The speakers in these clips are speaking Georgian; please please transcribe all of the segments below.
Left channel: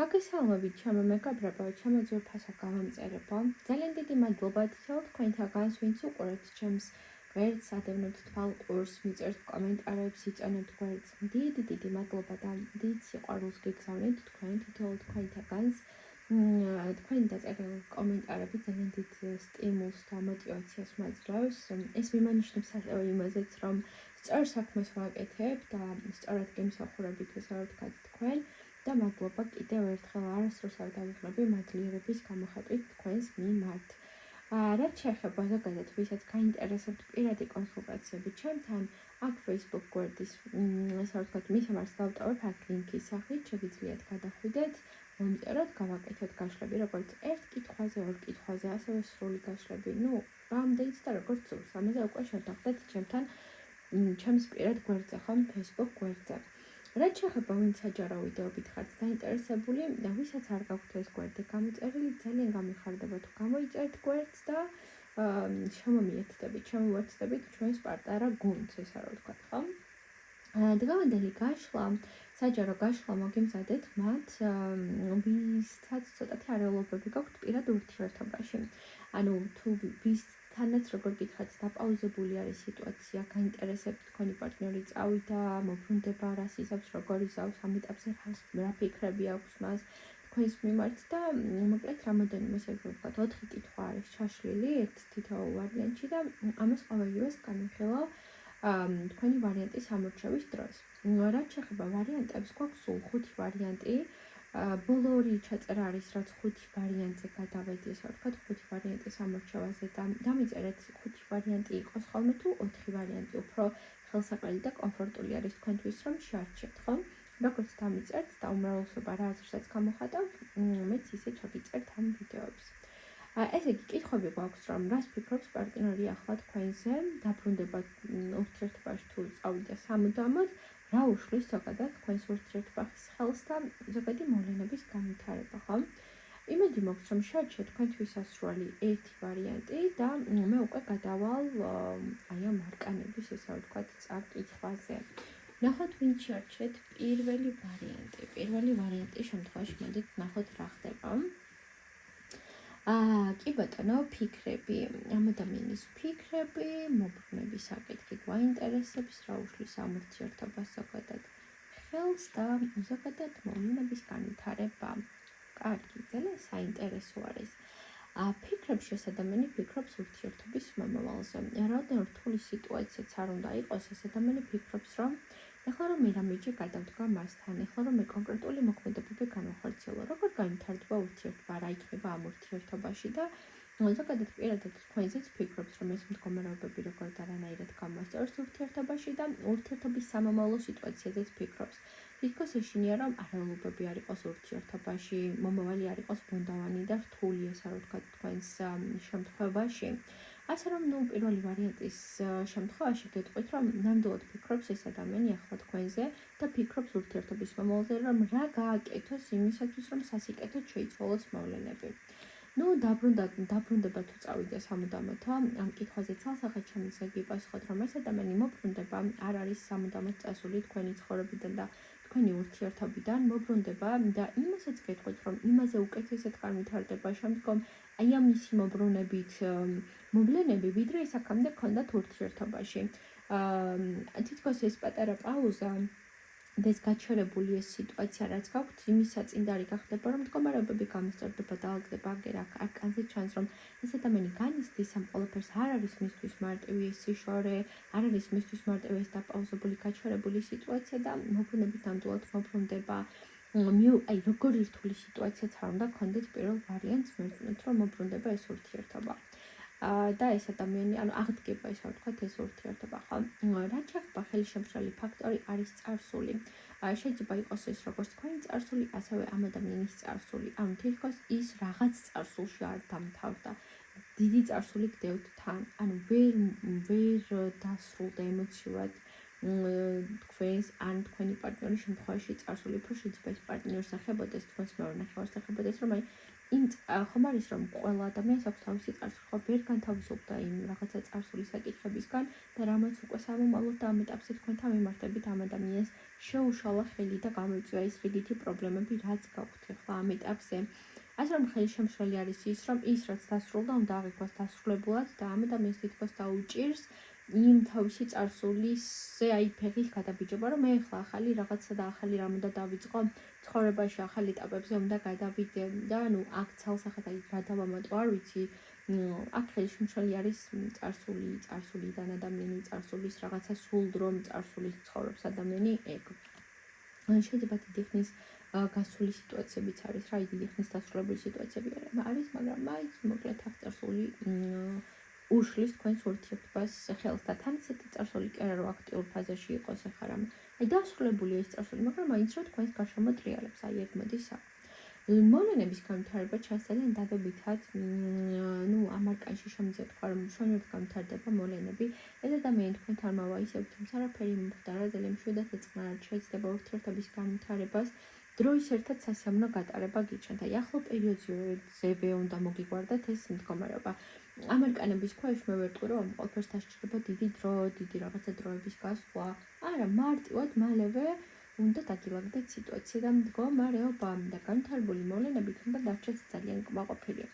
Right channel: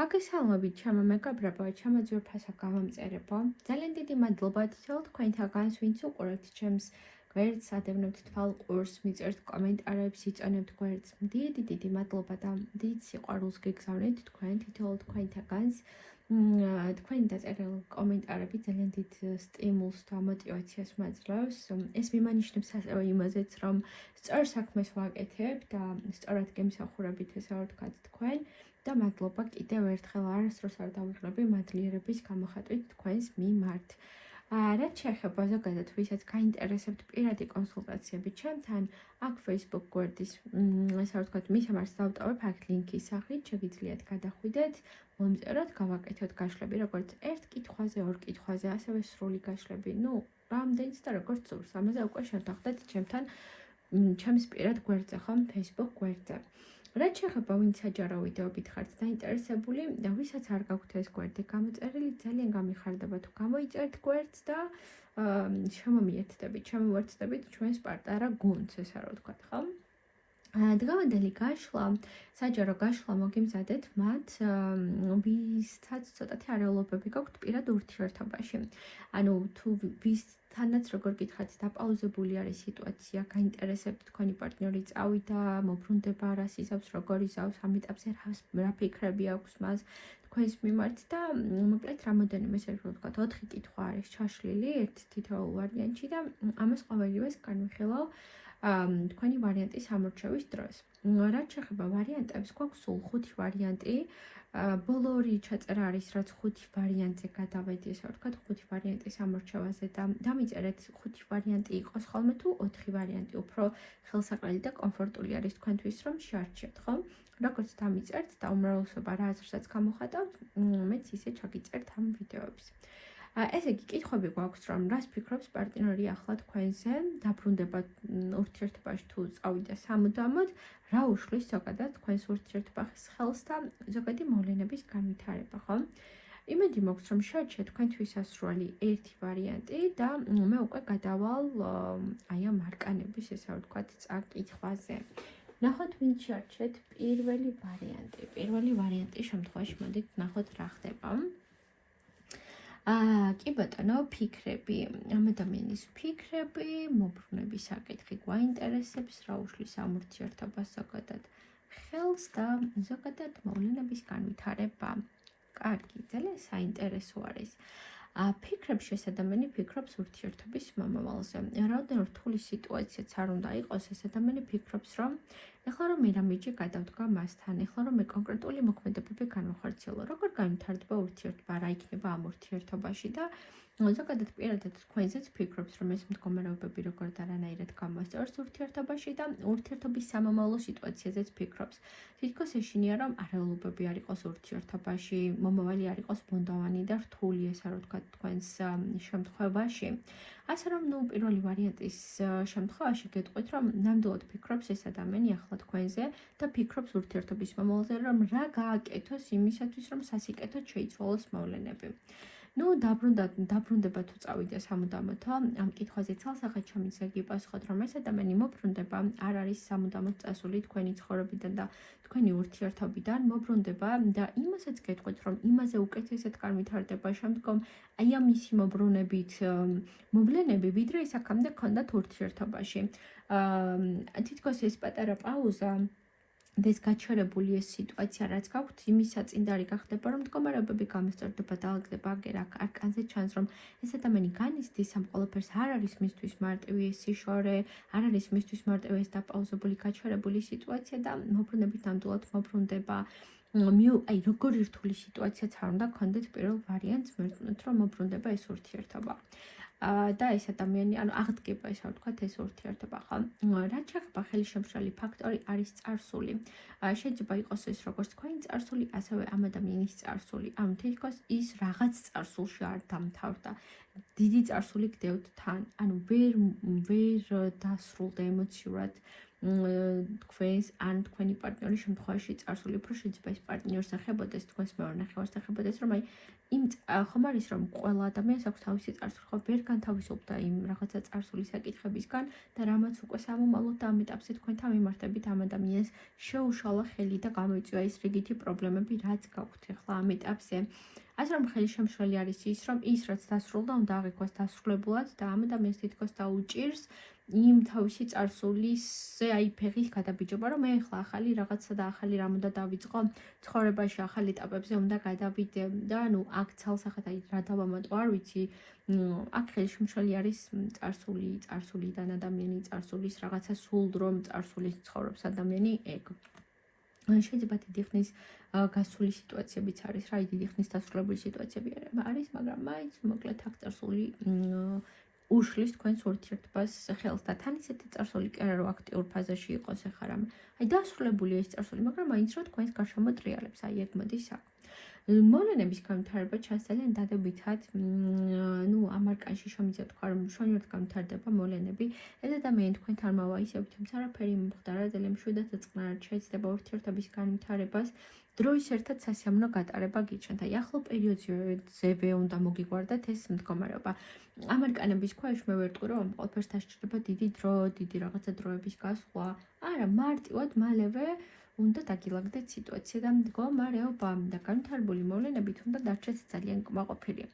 მოგესალმებით, ჩემო მეგობრებო, ჩემო ძვირფასო გამომწერებო. ძალიან დიდი მადლობა თქვენთაგანს, ვინც უყურებთ ჩემს გვერდს, ადევნებთ თვალყურს, მიწერთ კომენტარებს, იწონებთ გვერდს. დიდი მადლობა და დიდ სიყვარულს გიგზავნით თქვენ თითოეულ თქვენთაგანს. თქვენი დაწერილი კომენტარები ძალიან დიდ სტიმულს და мотивაციას მაძლევს. ეს მიმანიშნებს ასევე იმაზეც, რომ სწორ საქმეს ვაკეთებ და სწორად გემსახურებით, ესე რა ვთქვათ თქვენ. და მადლობა კიდევ ერთხელ არასდროს არ დავიხმები მადლიერების გამოხატვით თქვენს მიმართ. რაც შეეხება ზოგადად ვისაც გაინტერესებთ პირადი კონსულტაციები ჩემთან, აქ Facebook გვერდის ესე რა ვთქვათ მისამართს დავტოვებ აქ ლინკის სახით, შეგიძლიათ გადახვიდეთ, მომწეროთ, გავაკეთოთ გაშლები, როგორც ერთ კითხვაზე, ორ კითხვაზე, ასევე სრული გაშლები, რამდენიც და როგორც სურს, ამაზე უკვე შევდახდეთ ჩემთან ჩემს პირად გვერდზე, ხომ, Facebook გვერდზე. რაც შეეხება ვინც საჯარო ვიდეობით ხართ დაინტერესებული და ვისაც არ გაქვთ ეს გვერდი გამოწერილი, ძალიან გამიხარდება თუ გამოიწერთ გვერდს და შემომიერთდებით, შემოვარცხდებით ჩვენს პარტნიორ გუნდს, ესე რა ვთქვათ, ხო? დღევანდელი გაშლა, საჯარო გაშლა მოგიმზადეთ მათ, ვისაც ცოტათი არეულობები გაქვთ პირად ურთიერთობაში. ანუ თუ ვისთანაც როგორ გითხრათ, დაპაუზებული არის სიტუაცია, გაინტერესებთ თქვენი პარტნიორი წავიდა, მოbrunდება, რას იზავს, როგორ იზავს, ამ ეტაპზე რა ფიქრები აქვს მას თქვენს მიმართ და მოკლედ რამოდენიმე ესე ვთქვათ, 4 კითხვა არის ჩაშლილი ერთ თითოეულ ვარიანტში და ამას ყოველივეს განვიხილავ თქვენი ვარიანტის ამორჩევის დროს. რაც შეეხება ვარიანტებს, გვაქვს სულ 5 ვარიანტი. ბოლო ორი ჩაწერა არის, რაც 5 ვარიანტზე გადავედი, ესე ვთქვათ, 5 ვარიანტის ამორჩევაზე და დამიწერეთ 5 ვარიანტი იყოს ხოლმე თუ 4 ვარიანტი უფრო ხელსაყრელი და კომფორტული არის თქვენთვის, რომ შეარჩიოთ, ხო? როგორც დამიწერთ და უმრავლესობა რა აზრსაც გამოხატავთ, მეც ისე ჩაგიწერთ ამ ვიდეოებს. ესე იგი, კითხვები გვაქვს, რომ რას ფიქრობს პარტნიორი ახლა თქვენზე, დაბრუნდება ურთიერთობაში თუ წავიდა სამუდამოდ, რა უშლის ზოგადად თქვენს ურთიერთობას ხელს და ზოგადი მოვლენების განვითარება, ხო? იმედი მაქვს, რომ შეარჩიეთ თქვენთვის ასრული ერთი ვარიანტი და მე უკვე გადავალ აი ამ არკანების, ესე რა ვთქვათ, წაკითხვაზე. ნახოთ, ვინ შეარჩიეთ პირველი ვარიანტი. პირველი ვარიანტის შემთხვევაში მოდით ნახოთ რა ხდება. კი ბატონო, ფიქრები, ამ ადამიანის ფიქრები, მოbrunების საკითხი გვაინტერესებს, რა უშლის ამ ურთიერთობას ზოგადად ხელს და ზოგადად მოვლენების განვითარება. კარგი, ძალიან საინტერესო არის. ფიქრებს ეს ადამიანი ფიქრობს ურთიერთობის მომავალზე. რამდენ რთული სიტუაციაც არ უნდა იყოს, ეს ადამიანი ფიქრობს, რომ ეხლა რომ მე რამეჯი გადავდგა მასთან, ეხლა რომ მე კონკრეტული მოქმედებები განვახორციელო, როგორ განვითარდება ურთიერთობა, რა იქნება ამ ურთიერთობაში და ზოგადად პირადად თქვენზეც ფიქრობს, რომ ეს მდგომარეობები როგორ და რანაირად გამოსწორს ურთიერთობაში და ურთიერთობის სამომავლო სიტუაციაზეც ფიქრობს. თითქოს ეშინია, რომ არეულობები არ იყოს ურთიერთობაში, მომავალი არ იყოს ბუნდოვანი და რთული, ესე რა ვთქვათ, თქვენს შემთხვევაში. ასე რომ, პირველი ვარიანტის შემთხვევაში გეტყვით, რომ ნამდვილად ფიქრობს ეს ადამიანი ახლა თქვენზე და ფიქრობს ურთიერთობის მომავალზე, რომ რა გააკეთოს იმისათვის, რომ სასიკეთოდ შეიცვალოს მოვლენები. დაბრუნდება თუ წავიდა სამუდამოდ, ამ კითხვაზე ცალსახედ შემიძლია გიპასუხოთ, რომ ეს ადამიანი მოbrunდება, არ არის სამუდამოდ წასული თქვენი ცხოვრებიდან და თქვენი ურთიერთობიდან, მოbrunდება და იმასაც გეტყვით, რომ იმაზე უკეთესად განვითარდება შემდგომ აი ამ ისი მოbrunებით მოვლენები, ვიდრე ის აქამდე ქონდათ ურთიერთობაში. თითქოს ეს პატარა პაუზა და ეს გაჩერებული ეს სიტუაცია, რაც გაქვთ, იმის საწინდარი გახდება, რომ მდგომარეობები გამოსწორდება და ალგდება აგერ არკანზე ჩანს, რომ ეს ადამიანი განიცდის ამ ყველაფერს, არ არის მისთვის მარტივი ეს სიშორე, არ არის მისთვის მარტივი ეს დაპაუზებული, გაჩერებული სიტუაცია და მოbrunებით ნამდვილად მოbrunდება. აი როგორი რთული სიტუაციაც არ უნდა გქონდეთ პირველ ვარიანტს, მერწმუნეთ, რომ მოbrunდება ეს ურთიერთობა. და ეს ადამიანი, ანუ აღდგება, ესე ვთქვათ, ეს ურთიერთობა, ხო? რაც შეეხება ხელშემშლელი ფაქტორი არის წარსული. შეიძლება იყოს ეს როგორც თქვენი წარსული, ასევე ამ ადამიანის წარსული. ანუ თითქოს ის რაღაც წარსულში არ დამთავრდა. დიდი წარსული გდევთ თან, ანუ ვერ დასრულდა ემოციურად თქვენს ან თქვენი პარტნიორის შემთხვევაში წარსული უფრო შეიძლება ეს პარტნიორს ეხებოდეს, თქვენს მეორე ნახევარს ეხებოდეს, რომ აი იმ ხომ არის რომ ყველა ადამიანს აქვს თავისი წარსული, ხო ვერ განთავისუფლდა იმ რაღაცა წარსული საკითხებისგან და რამაც უკვე სამომავლოდ და ამ ეტაპზე თქვენთან მიმართებით ამ ადამიანს შეუშალა ხელი და გამოიწვია ის რიგითი პრობლემები, რაც გაქვთ ახლა ამ ეტაპზე. ასე რომ ხელშემშლელი არის ის, რომ ის რაც დასრულდა, უნდა აღიქვას დასრულებულად და ამ ადამიანს თითქოს დაუჭირს იმ თავისი წარსულიზე აი ფეხის გადაბიჯობა, რომ მე ახლა ახალი რაღაცა და ახალი რამ უნდა დავიწყო ცხოვრებაში, ახალ ეტაპებზე უნდა გადავიდე და ანუ აქ ცალსახად აი რა დავამატო არ ვიცი, აქ ხელშემშლელი არის წარსულიდან ადამიანი, წარსულის რაღაცა სულდრომ, წარსულის ცხოვრობს ადამიანი ეგ. შეიძლება დიდი ხნის გასული სიტუაციებიც არის, რა დიდი ხნის დასრულებული სიტუაციები არის, მაგრამ მაინც მოკლედ აქ წარსული უშლის თქვენს ურთიერთობას ხელს და თან ისეთი წარსული კი არა რომ აქტიურ ფაზაში იყოს ახლა რამ. აი დასრულებულია ეს წარსული, მაგრამ მაინც რომ თქვენს გარშემო ტრიალებს, აი ეგ მოდის აქ. მოვლენების განვითარება ჩასწრებენ დადებითად, ამ არკანში შემიძლია თქვა რომ მშვენივრად განვითარდება მოვლენები. ეს ადამიანი თქვენთან მოვა ისევ თუმცა არაფერი მომხდარა და მშვიდად ეწყნარად შეეცდება ურთიერთობის განვითარებას. დროის ერთად სასიამოვნო გატარება გიჩნდა. აი ახლო პერიოდზე უნდა მოგიგვარდათ ეს მდგომარეობა. ამ არკანების ქვეშ მე ვერტყვი რომ ყველაფერს დასჭირდება დიდი დრო, დიდი რაღაცა დროების გასვლა. არა, მარტივად მალევე უნდა დაგილაგდეთ სიტუაცია და მდგომარეობა და განვითარებული მოვლენებით უნდა დარჩეთ ძალიან კმაყოფილი.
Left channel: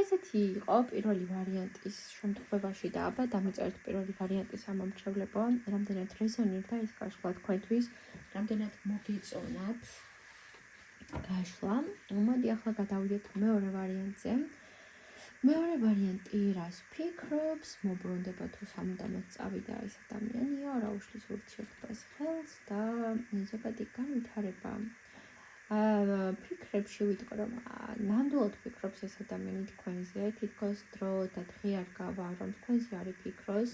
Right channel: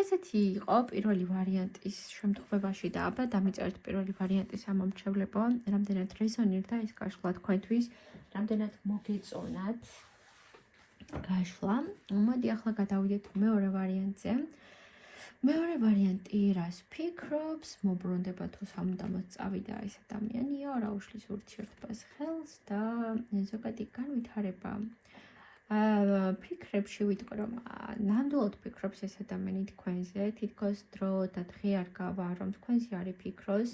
ესეთი იყო პირველი ვარიანტის შემთხვევაში და აბა დამიწერეთ პირველი ვარიანტის ამომრჩევლებო, რამდენად რეზონირდა ეს გაშლა თქვენთვის, რამდენად მოგეწონათ გაშლა. მოდი ახლა გადავიდეთ მეორე ვარიანტზე. მეორე ვარიანტი რას ფიქრობს, მოbrunდება თუ სამუდამოდ წავიდა ეს ადამიანია, რა უშლის ურთიერთობას ხელს და ზოგადი განვითარება. ფიქრებში ვიტყვი რომ ნამდვილად ფიქრობს ეს ადამიანი თქვენზე, თითქოს დრო და დღე არ გავა რომ თქვენზე არის ფიქროს.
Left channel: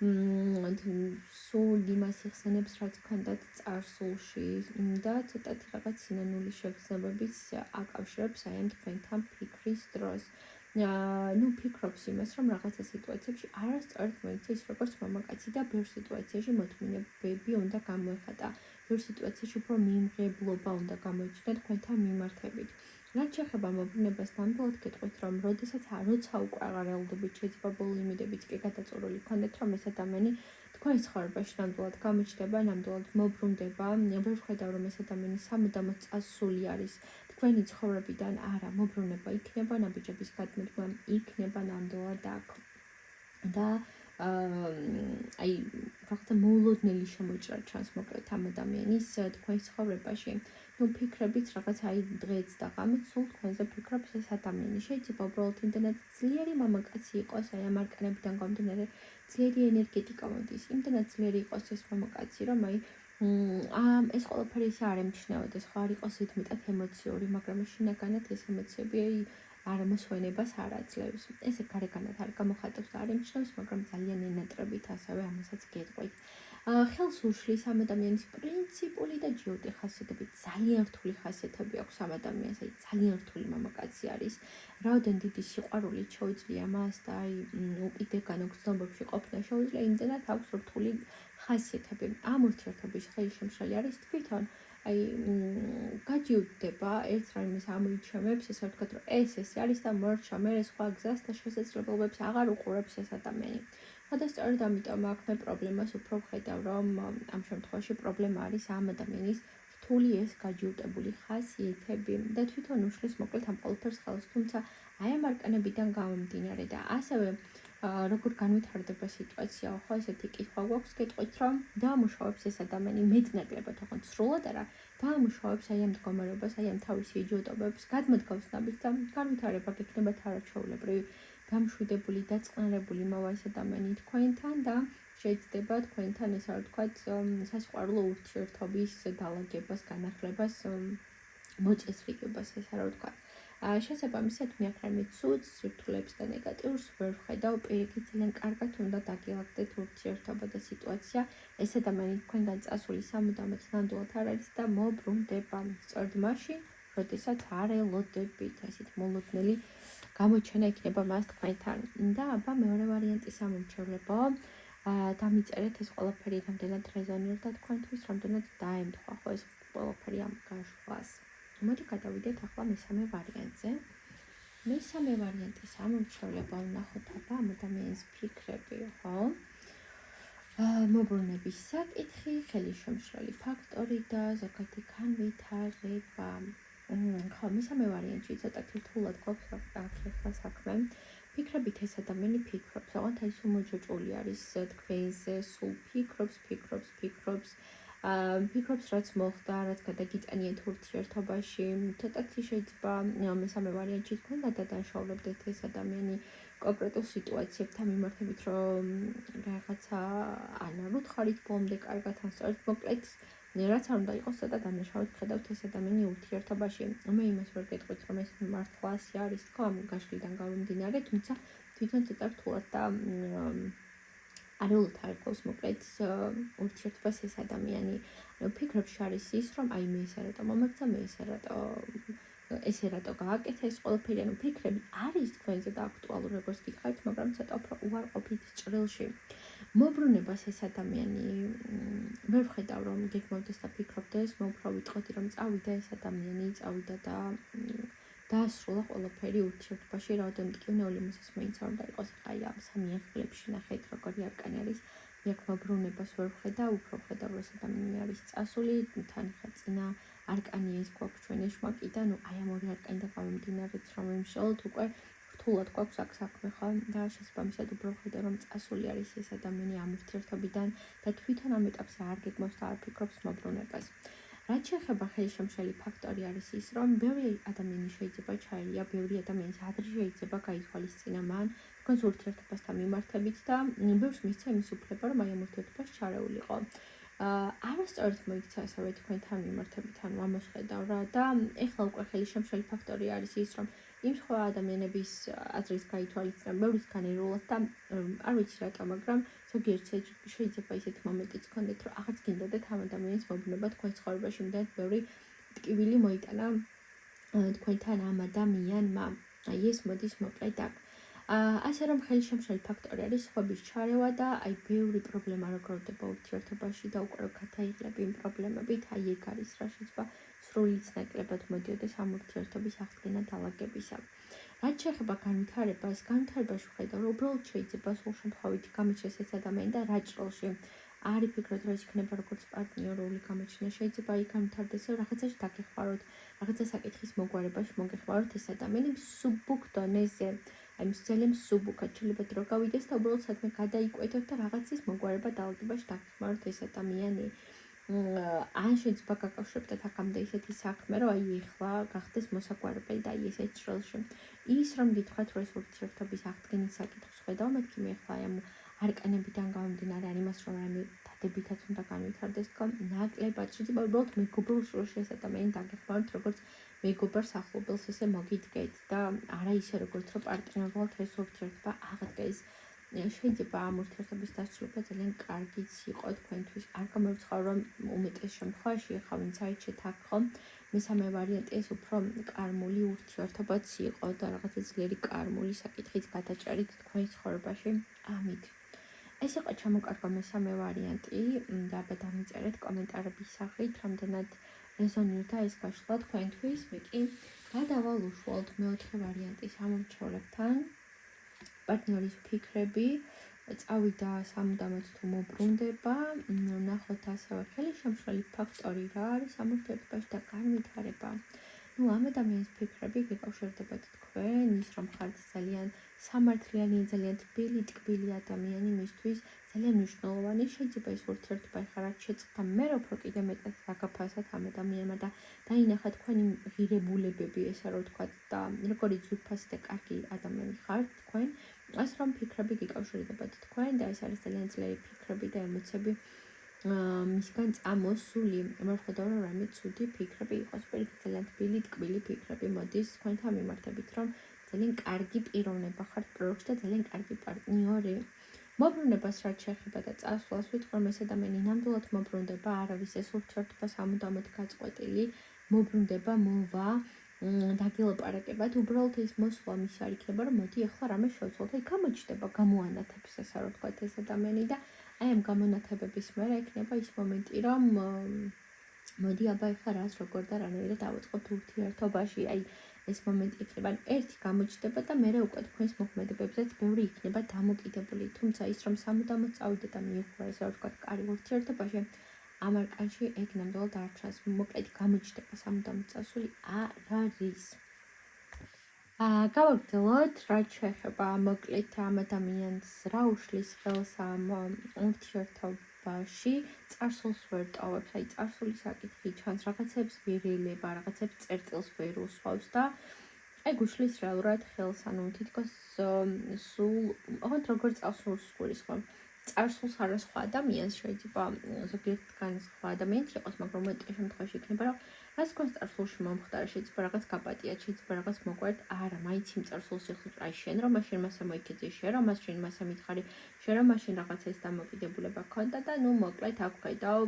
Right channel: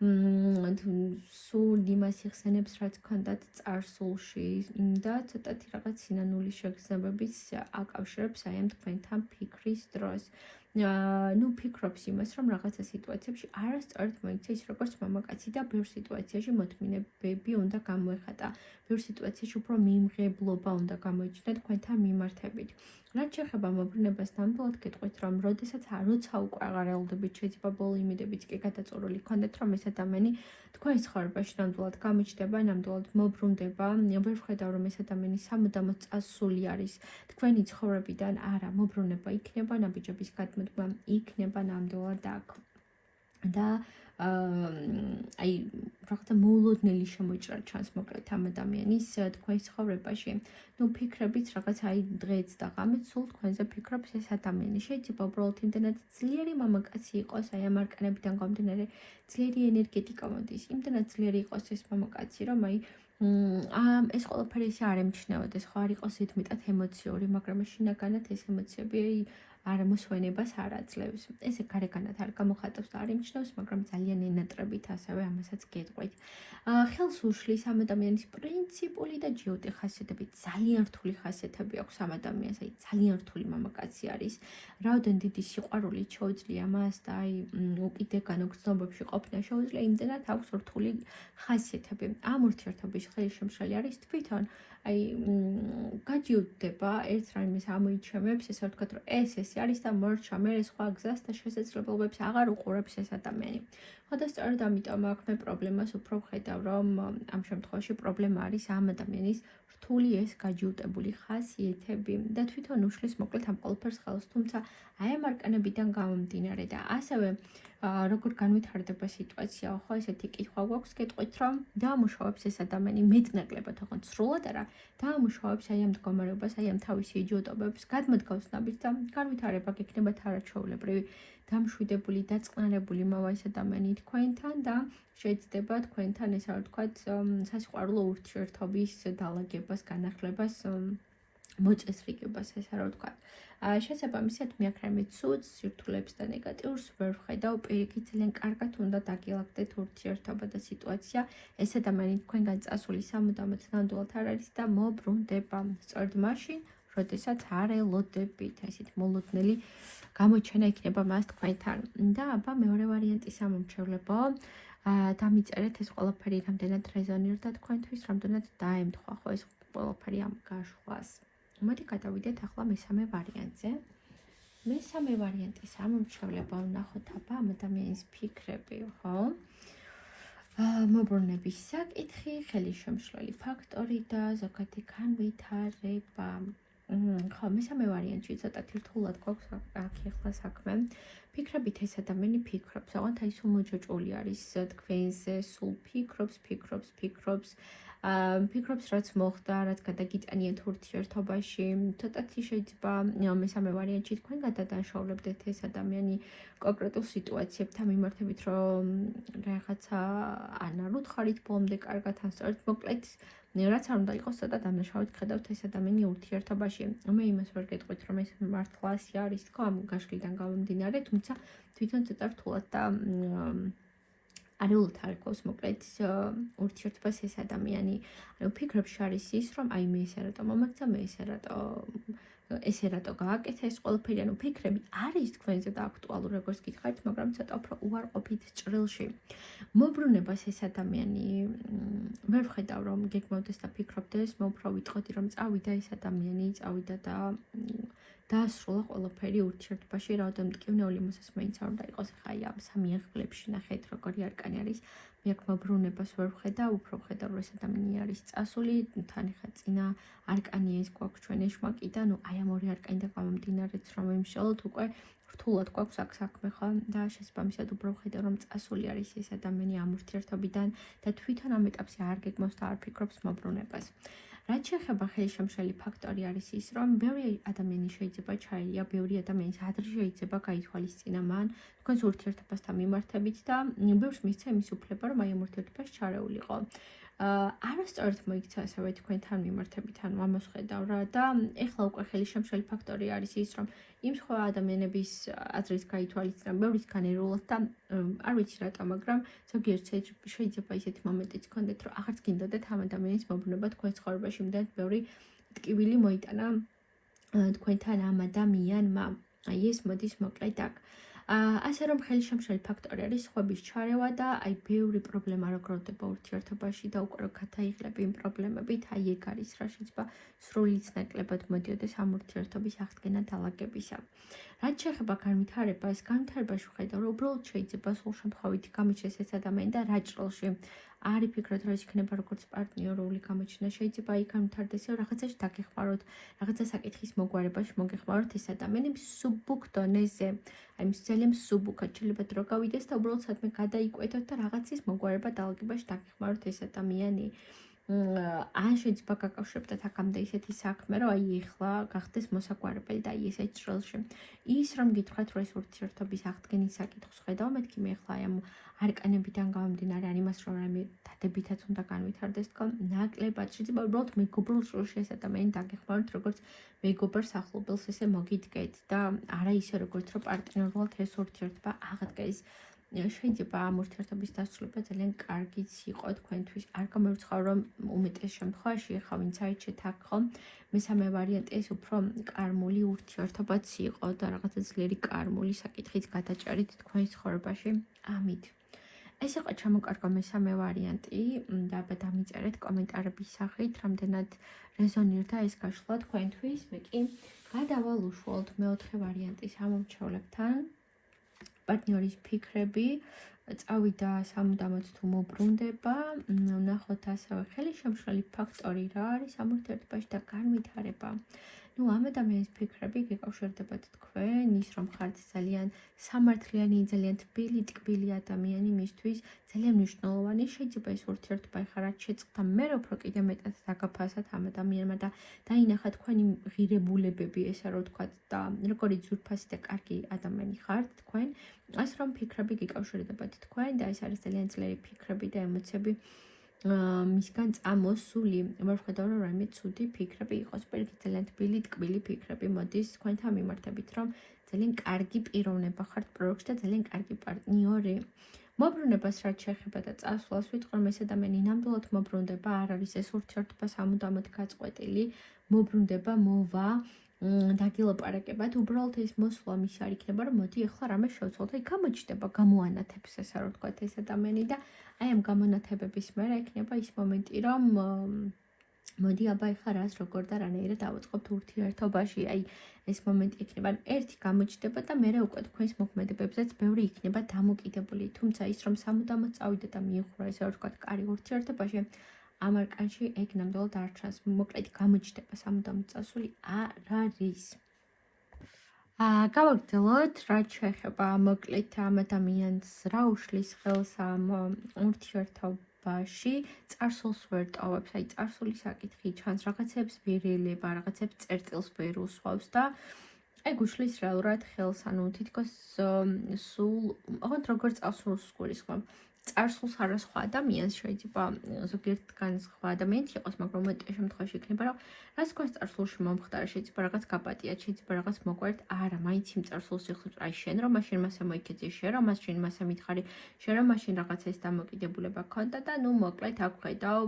სულ იმას იხსენებს რაც ქონდათ წარსულში და ცოტათი რაღაც სინანულის შეგრძნებების აკავშირებს აი ამ თქვენთან ფიქრის დროს. ფიქრობს იმას, რომ რაღაცა სიტუაციებში არასწორად მოიქცეს როგორც მამაკაცი და ბევრ სიტუაციაში მოთმინებები უნდა გამოეხატა. ბევრ სიტუაციაში უფრო მიიმღებლობა უნდა გამოიჩნდა თქვენთან მიმართებით. რაც შეეხება მოbrunებას, ნამდვილად გეტყვით, რომ როცა უკვე აღარ ელოდებით, შეიძლება ბოლო იმედებიც კი გადაწურული ქონდეთ, რომ ეს ადამიანი თქვენს ცხოვრებაში ნამდვილად გამოჩნდება, ნამდვილად მოbrunდება. ვერ ვხედავ, რომ ეს ადამიანი სამუდამოდ წასული არის თქვენი ცხოვრებიდან, არა, მოbrunება იქნება, ნაბიჯების გადმოდგმა იქნება ნამდვილად აქ. და აი რაღაცა მოულოდნელი შემოჭრა ჩანს მოკლედ ამ ადამიანის თქვენს ცხოვრებაში. ფიქრებით რაღაც აი დღეც და ღამით სულ თქვენზე ფიქრობს ეს ადამიანი. შეიძლება უბრალოდ იმდენად ძლიერი მამაკაცი იყოს, აი ამ არკანებიდან გამომდინარე, ძლიერი ენერგეტიკა მოდის, იმდენად ძლიერი იყოს ეს მამაკაცი, რომ აი ეს ყველაფერი ისე არ ემჩნევოდეს, ხო არ იყოს ზედმეტად ემოციური, მაგრამ შინაგანად ეს ემოციები არ მოსვენებას არ აძლევს. ესე გარეგანად არ გამოხატავს და არ ემჩნევს, მაგრამ ძალიან ენატრებით ასევე ამასაც გეტყვით. ხელს უშლის ამ ადამიანის პრინციპული და ჯიუტი ხასიათები, ძალიან რთული ხასიათები აქვს ამ ადამიანს, აი ძალიან რთული მამაკაცი არის. რაოდენ დიდი სიყვარული შეუძლია მას და აი უკიდეგან გრძნობებში ყოფნა შეუძლია, იმდენად აქვს რთული ხასიათები. ამ ურთიერთობის ხელშემშლელი არის თვითონ აი გაჯიუტდება ერთ რაიმეს ამოიჩემებს, ესე ვთქვათ, რომ ეს არის და მორჩა მე სხვა გზას და შესაძლებლობებს აღარ უყურებს ეს ადამიანი. და სწორედ ამიტომ აქ მე პრობლემას უფრო ვხედავ, რომ ამ შემთხვევაში პრობლემა არის ამ ადამიანის რთული ეს გაჯიუტებული ხასიათები და თვითონ უშლის მოკლედ ამ ყველაფერს ხელს, თუმცა აი ამ არკანებიდან გამომდინარე და ასევე როგორ განვითარდება სიტუაცია, ხო ესეთი კითხვა გვაქვს გეტყვით, რომ დაამუშავებს ეს ადამიანი მეტნაკლებად, თქო სრულად არა, დაამუშავებს აი ამ მდგომარეობას, აი ამ თავისი ეჯიოტობებს, გადმოდგავს ნაბიჯს და განვითარება გექნება თანაჩვეულებრივი. დამშვიდებული და წყნარებული მოვა ეს ადამიანი თქვენთან და შეიძლება თქვენთან ესე რა ვთქვათ სასიყვარულო ურთიერთობის დალაგებას, განახლებას, მოწესრიგებას ესე რა ვთქვათ. შესაბამისად მე აქ რამე ცუდს, სირთულეებს და ნეგატიურს ვერ ვხედავ, პირიქით ძალიან კარგად უნდა დაგილაგდეთ ურთიერთობა და სიტუაცია. ეს ადამიანი თქვენგან წასული სამუდამოდ ნამდვილად არ არის და მოbrunდება. სწორედ მაშინ, როდესაც არ ელოდებით, ესეთ მოლოდნელი გამოჩენა იქნება მას თქვენთან. და აბა მეორე ვარიანტის ამომრჩევლებო. დამიწერეთ ეს ყველაფერი რამდენად რეზონირდა თქვენთვის, რამდენად დაემთხვა ხო ეს ყველაფერი ამ გაშხვას. მოდი გადავიდეთ ახლა მესამე ვარიანტზე. მესამე ვარიანტის ამომრჩევლებმა ვნახოთ აბა ამ ადამიანის ფიქრები, ხო? მობრუნების საკითხი, ხელისშემშლელი ფაქტორი და ზოგადი განვითარება. ხო, მესამე ვარიანტში ცოტათი რთულად გვაქვს ახლა საქმე. ფიქრებით ეს ადამიანი ფიქრობს, ოღონდ აი სულ მოჯოჭული არის თქვენზე, სულ ფიქრობს, რაც მოხდა, რაც გადაგიტანიეთ ურთიერთობაში. ცოტათი შეიძლება მესამე ვარიანტში თქვენ გადადანაშაულებდეთ ეს ადამიანი კონკრეტულ სიტუაციებთან მიმართებით, რომ რაღაცა არ უთხარით ბოლომდე კარგად, ან სწორედ მოკლედ რაც არ უნდა იყოს, ცოტა დამნაშავედ ხედავთ ეს ადამიანი ურთიერთობაში. მე იმას ვერ გეტყვით, რომ ეს მართლა ასე არის თქო, ამ გაშლიდან გამომდინარე, თუმცა თვითონ ცოტა რთულად და არაულად არგოს მოკლედ ურთიერთობას ეს ადამიანი. ფიქრებში არის ის, რომ აი მე ესე რატო მომექცა, მე ესე რატო გააკეთა ეს ყველაფერი, ანუ ფიქრები არის თქვენზე და აქტუალური, როგორც გითხარით, მაგრამ ცოტა უფრო უარყოფით ჭრილში. მობრუნებას ეს ადამიანი ვერ ვხედავ, რომ გეგმავდეს და ფიქრობდეს, მე უფრო ვიტყოდი, რომ წავიდა ეს ადამიანი, წავიდა და დაასრულა ყველაფერი ურთიერთობაში, რაოდენ მტკივნეული მოსის მეც არ უნდა იყოს. აი ამ სამი ახლებში ნახეთ, როგორი არკანი არის. მე აქ მობრუნებას ვერ ვხედავ, უფრო ვხედავ, რომ ეს ადამიანი არის წასული, თან ხა წინა არკანია ეს გვაქვს ჩვენ ეშმაკიდან, აი ამ ორი არკანიდან გამომდინარეც რომ ვიმშალოთ უკვე რთულად გვაქვს აქ საქმე ხო და შესაბამისად უფრო ვხედავ, რომ წასული არის ეს ადამიანი ამ ურთიერთობიდან და თვითონ ამ ეტაპზე არ გეგმავს და არ ფიქრობს მობრუნებას. რაც შეეხება ხელისშემშლელი ფაქტორი არის ის, რომ ბევრი ადამიანი შეიძლება ჩაელია, ბევრი ადამიანის ადრე შეიძლება გაითვალისწინა მან თქვენს ურთიერთობასთან მიმართებით და ბევრს მისცა იმის უფლება, რომ აი ამ ურთიერთობაში ჩარეულიყო. არასწორად მოიქცა ასევე თქვენთან მიმართებით, ანუ ამას ხედავ რა და ეხლა უკვე ხელისშემშლელი ფაქტორი არის ის, რომ იმ სხვა ადამიანების აზრის გაითვალისწინა ბევრის განერულად და არ ვიცი რატო, მაგრამ ზოგიერთ შეიძლება ისეთი მომენტიც გქონდეთ, რომ აღარც გინდოდეთ ამ ადამიანის მობრუნება თქვენ ცხოვრებაში, იმდენად ბევრი ტკივილი მოიტანა თქვენთან ამ ადამიანმა. აი ეს მოდის მოკლედ აქ. ასე რომ ხელისშემშლელი ფაქტორი არის სხვების ჩარევა და აი ბევრი პრობლემა რო გროვდება ურთიერთობაში და უკვე გადაიღლები იმ პრობლემებით, აი ეგ არის რა შეიძლება სრულიც ნაკლებად მოდიოდეს ამ ურთიერთობის აღდგენა დალაგებისა. რაც შეეხება განვითარებას, განვითარებაში ვხედავ, რომ უბრალოდ შეიძლება სულ შემთხვევით გამოჩნდეს ეს ადამიანი და რა ჭრილში არ იფიქროთ, რომ ეს იქნება როგორც პარტნიორული გამოჩენა, შეიძლება იქ განვითარდეს, რომ რაღაცაში დაგეხმაროთ, რაღაცა საკითხის მოგვარებაში მოგეხმაროთ ეს ადამიანი მსუბუქ დონეზე. აი ძალიან მსუბუქად შეიძლება დრო გავიდეს და უბრალოდ საქმე გადაიკვეთოთ და რაღაცის მოგვარება დალაგებაში დაგეხმაროთ ეს ადამიანი. ან შეიძლება გაკავშირებდეთ აქამდე ისეთი საქმე, რომ აი ეხლა გახდეს მოსაგვარებელი და აი ესეთ ჭრილში. ის რომ გითხრათ, რომ ეს ურთიერთობის აღდგენის საკითხს ხედავ, მეთქი მე ეხლა ამ არკანებიდან გამომდინარე არ იმას რომ რამე დადებითად უნდა განვითარდეს თქო, ნაკლებად შეიძლება უბრალოდ მეგობრულ ჭრილში ეს ადამიანი დაგეხმაროთ, როგორც მეგობარს ახლობელს ესე მოგიდგეთ და არა ისე როგორც რომ პარტნიორულად ეს ურთიერთობა აღდგეს. შეიძლება ამ ურთიერთობის დასრულება ძალიან კარგიც იყო თქვენთვის. არ გამოვიწყავ, რომ უმეტეს შემთხვევაში ახლა ვინც აიჩეთ აქ ხო, მესამე ვარიანტი ეს უფრო კარმული ურთიერთობაც იყო და რაღაცა ძლიერი კარმული საკითხიც გადაჭარით თქვენს ცხოვრებაში. ამით. ეს იყო ჩამოკარგვა მესამე ვარიანტი და აბა დამიწერეთ კომენტარების სახით, რამდენად რეზონირდა ეს გაშლა თქვენთვის. მე კი გადავალ უშუალოდ მეოთხე ვარიანტის ამორჩევლებთან. პარტნიორის ფიქრები, წავიდა სამუდამოდ თუ მობრუნდება, ნახოთ ასევე ხელისშემშლელი ფაქტორი რა არის ამ ურთიერთობაში და განვითარება. ამ ადამიანის ფიქრები გეკავშირდებათ თქვენ, ის რომ ხართ ძალიან სამართლიანი, ძალიან თბილი, ტკბილი ადამიანი მისთვის, ძალიან მნიშვნელოვანი. შეიძლება ეს ურთიერთობა ეხლა რაც შეწყდა, მე უფრო კიდე მეტად დაგაფასათ ამ ადამიანმა და დაინახა თქვენი ღირებულებები, ესა რო ვთქვათ და როგორი ძვირფასი და კარგი ადამიანი ხართ თქვენ. ასე რომ ფიქრები გეკავშირდებათ თქვენ და ეს არის ძალიან ძლიერი ფიქრები და ემოციები მისგან წამოსული. ვერ ვხედავ, რომ რამე ცუდი ფიქრები იყოს, პირიქით ძალიან თბილი, ტკბილი ფიქრები მოდის თქვენთან მიმართებით, რომ ძალიან კარგი პიროვნება ხართ პროექტში და ძალიან კარგი პარტნიორი. მობრუნებას რაც შეეხება და წასვლას ვიტყვი, რომ ეს ადამიანი ნამდვილად მობრუნდება, არ არის ეს ურთიერთობა სამუდამოდ გაწყვეტილი, მობრუნდება, მოვა დაგილაპარაკებათ, უბრალოდ ეს მოსვლა მის არ იქნება, რომ მოდი ახლა რამე შევცვალოთ, აი გამოჩნდება, გამოანათებს ესე რა ვთქვათ ეს ადამიანი და აი ამ გამონათებების მერე იქნება ის მომენტი, რომ მოდი აბა ახლა რას როგორ და რანაირად დავიწყოთ ურთიერთობაში, აი ეს მომენტი იქნება, ერთი გამოჩნდება და მერე უკვე თქვენს მოქმედებებზეც ბევრი იქნება დამოკიდებული, თუმცა ის რომ სამუდამოდ წავიდე და მიიღო ესე რა ვთქვათ, კარი ურთიერთობაში ამ არკანში ეგ ნამდვილად არ ჩანს, მოკლედ გამოჩნდება სამუდამოდ წასული არ არის. გავაგრძელოთ, რაც შეეხება მოკლედ ამ ადამიანს რა უშლის ხელს ამ ურთიერთობაში, წარსულს ვერ ტოვებს, აი წარსული საკითხი ჩანს, რაღაცებს ვერ ელება, რაღაცებს წერტილს ვერ უსვავს და ეგ უშლის რეალურად ხელს, ანუ თითქოს სულ, ოღონდ როგორ წარსულს გულისხმობ. წარსულს არა სხვა ადამიანს შეიძლება ზოგიერთგან სხვა ადამიანით იყოს, მაგრამ მეტ შემთხვევაში იქნება, რომ რაც თქვენს წარსულში მომხდარა, შეიძლება რაღაც გაპატიათ, შეიძლება რაღაც მოყვერთ, არა, მაინც იმ წარსულს ეხოთ, აი შენ რომ მაშინ მასე მოიქეძე, შენ რომ მაშინ მასე მითხარი, შენ რომ მაშინ რაღაც ეს დამოკიდებულება ქონდა და ნუ მოკლედ აქ ვხედავ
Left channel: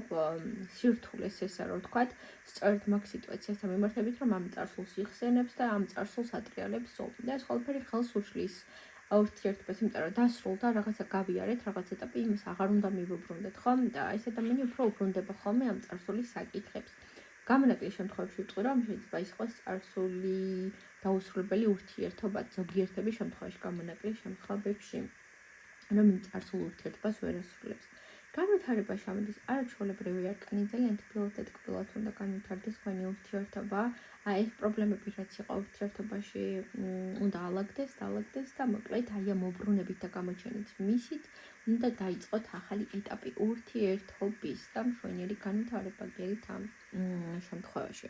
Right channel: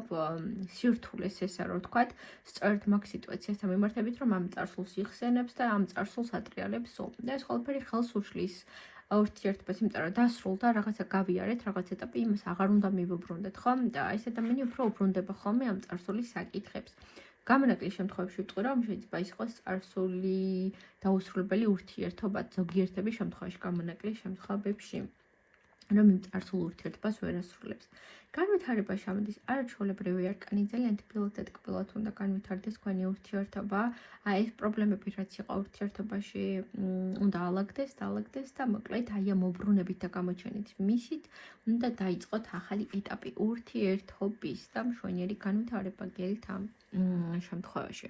სირთულეს ესა რა ვთქვათ, სწორედ მაგ სიტუაციასთან მიმართებით, რომ ამ წარსულს იხსენებს და ამ წარსულს ატრიალებს სულ. და ეს ყველაფერი ხელს უშლის ურთიერთობას, იმიტომ რომ დასრულდა, რაღაცა გავიარეთ, რაღაც ეტაპი, იმას აღარ უნდა მივუბრუნდეთ, ხო? და ეს ადამიანი უფრო უბრუნდება ხოლმე ამ წარსულის საკითხებს. გამონაკლისის შემთხვევაში ვიტყვი, რომ შეიძლება ის იყოს წარსული დაუსრულებელი ურთიერთობა ზოგიერთების შემთხვევაში, გამონაკლისის შემთხვევებში, რომ იმ წარსულ ურთიერთობას ვერ ასრულებს. განვითარებაში ამოდის არაჩვეულებრივი არკანი, ძალიან თბილად და ტკბილად უნდა განვითარდეს თქვენი ურთიერთობა. აი ეს პრობლემები რაც იყო ურთიერთობაში უნდა ალაგდეს და მოკლედ აი ამ უბრუნებით და გამოჩენით მისით უნდა დაიწყოთ ახალი ეტაპი ურთიერთობის და მშვენიერი განვითარება გელით ამ შემთხვევაში.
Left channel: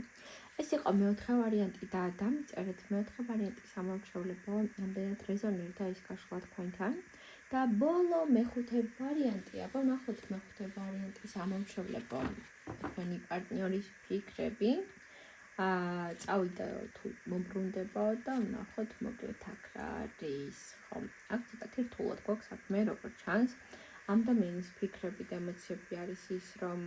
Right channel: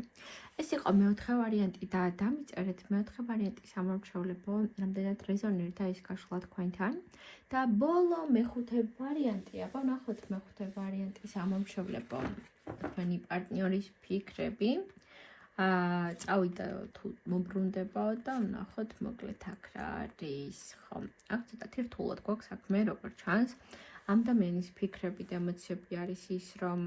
ეს იყო მეოთხე ვარიანტი და დამიწერეთ მეოთხე ვარიანტის ამომრჩევლებო, რამდენად რეზონირდა ის გაშლა თქვენთან. და ბოლო მეხუთე ვარიანტია, ნახოთ მეხუთე ვარიანტის ამომრჩევლებო, თქვენი პარტნიორის ფიქრები. წავიდა თუ მომბრუნდება და ვნახოთ მოკლედ აქ რა არის, ხო? აქ ცოტათი რთულად გვაქვს საქმე, როგორც ჩანს. ამ ადამიანის ფიქრები და ემოციები არის ის, რომ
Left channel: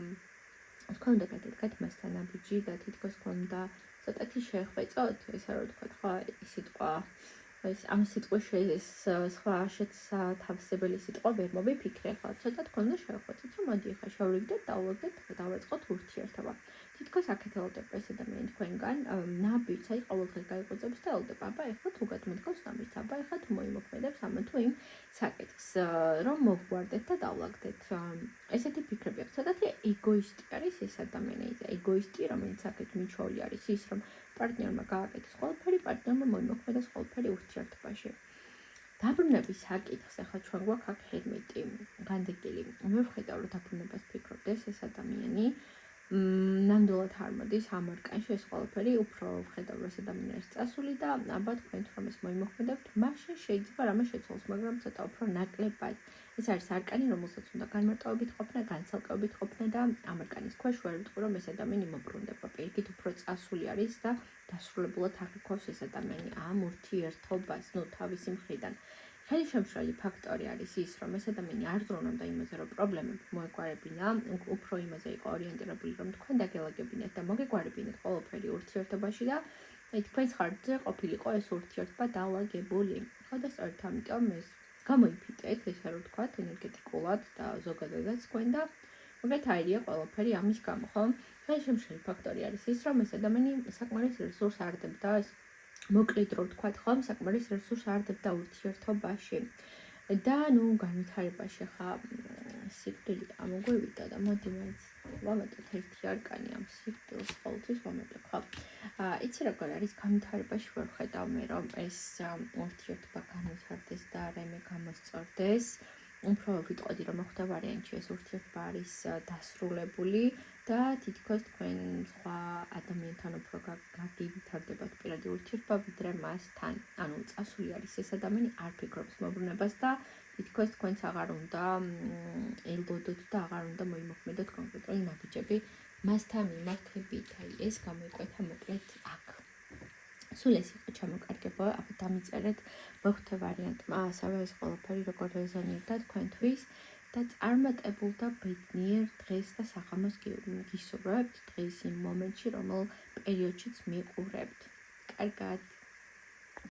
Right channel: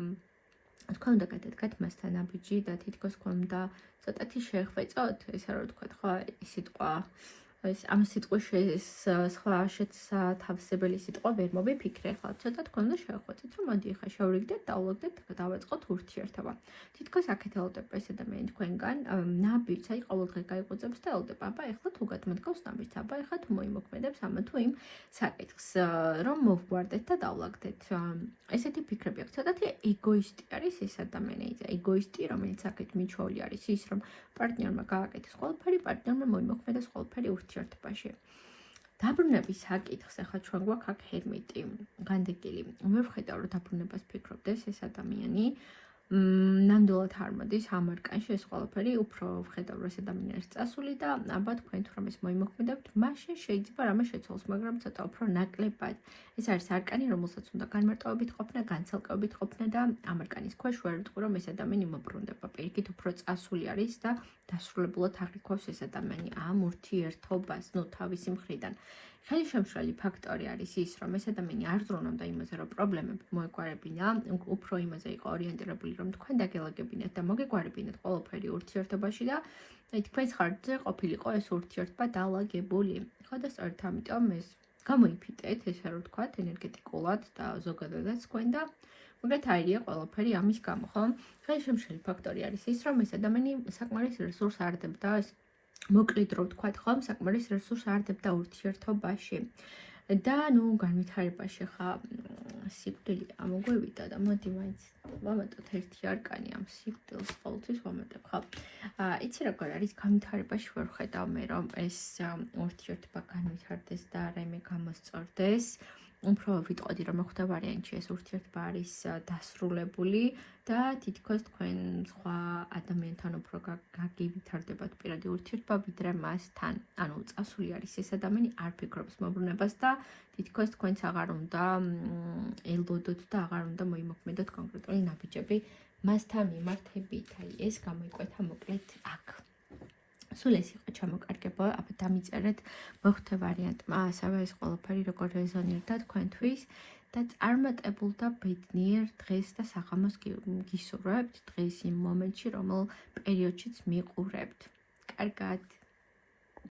თქვენ უნდა გადადგათ მასთან ნაბიჯი და თითქოს თქვენ უნდა ცოტათი შეხვეწოთ, ესე რა ვთქვათ, ხო, ის სიტყვა ამ სიტყვის სხვა შეთავსებელი სიტყვა ვერ მოვიფიქრებთ, ცოტა თქვენ უნდა შეხვეწოთ, რომ მოდი ახლა შევრიგდეთ, დავუვაგდეთ და დავაწყოთ ურთიერთობა. თითქოს აქეთ ელოდება ეს ადამიანი თქვენგან ნაბიჯს, აი ყოველდღე გაიღვიძებს და ელოდება, აბა ეხლა თუ გადმოდგავს ნაბიჯს, აბა ეხლა თუ მოიმოქმედებს ამ თუ იმ საკითხს, რომ მოვგვარდეთ და დავუვაგდეთ. ესეთი ფიქრები აქვს, ცოტათი ეგოისტი არის ეს ადამიანი, ეგოისტი, რომელიც აქეთ მიჩვეული არის ის, რომ პარტნიორმა გააკეთეს ყველაფერი, პარტნიორმა მოიმოქმედებს ყველაფერი ურთიერთობაში. დაბრუნების საკითხს ახლა ჩვენ გვაქვს აქ ჰერმიტი, განდეგილი. მე ვხედავ, რომ დაბრუნებას ფიქრობდეს ეს ადამიანი. ნამდვილად არ მოდის ამ არკანში ეს ყველაფერი, უფრო ვხედავ, რომ ეს ადამიანი არის წასული და აბა თქვენ თუ რომ ეს მოიმოქმედებთ, მაშინ შეიძლება რამე შეცვალოს, მაგრამ ცოტა უფრო ნაკლებად. ეს არის არკანი, რომელსაც უნდა განმარტოებით ყოფნა, განცალკევებით ყოფნა და ამ არკანის ქვეშ ვერ ვიტყვი, რომ ეს ადამიანი მომბრუნდება. პირიქით უფრო წასული არის და დასრულებულად აღიქვავს ეს ადამიანი ამ ურთიერთობას, ნუ თავისი მხრიდან. ხელშემშლელი ფაქტორი არის ის, რომ ეს ადამიანი არ ზრუნავდა იმაზე, რომ პრობლემები მოეგვარებინა, უფრო იმაზე იყო ორიენტირებული, რომ თქვენ დაგელაგებინეთ და მოგეგვარებინეთ ყველაფერი ურთიერთობაში და თქვენს ხარჯზე ყოფილიყო ეს ურთიერთობა დალაგებული. ხო და სწორედ ამიტომ ეს გამოიფიტეთ, ესე რომ ვთქვათ, ენერგეტიკულად და ზოგადადაც თქვენ და მოკლედ აირია ყველაფერი ამის გამო, ხო? ხელშემშლელი ფაქტორი არის ის, რომ ეს ადამიანი საკმარის რესურსს არდებდა ეს მოკლედ რომ ვთქვათ, ხო, საკმარის რესურსს არდებდა ურთიერთობაში. და ნუ განვითარებაში ხა სიკვდილი ამოგვევიდა და მოდი მაინც ვამატოთ ერთი არკანი ამ სიკვდილს ყოველთვის ვამატებ, ხო? იცი როგორ არის განვითარებაში ვერ ვხედავ მე რომ ეს ურთიერთობა განვითარდეს და რაიმე გამოსწორდეს. უფრო ვიტყოდი, რომ მეხუთე ვარიანტში ეს ურთიერთობა არის დასრულებული და თითქოს თქვენ სხვა ადამიანთან უფრო გაგივითარდებათ პირადი ურთიერთობა ვიდრე მასთან. ანუ წასული არის ეს ადამიანი, არ ფიქრობს მომბრუნებას და თითქოს თქვენც აღარ უნდა ელოდოთ და აღარ უნდა მოიმოქმედოთ კონკრეტული ნაბიჯები მასთან მიმართებით. ეს გამოიკვეთა მოკლედ აქ. სულ ეს იყო ჩამოკარგება, აბა დამიწერეთ მეხუთე ვარიანტმა, ასევე ეს ყველაფერი როგორ რეზონირდა თქვენთვის და წარმატებულ და ბედნიერ დღეს და საღამოს გისურვებთ დღეს იმ მომენტში, რომელ პერიოდშიც მიყურებთ. კარგად.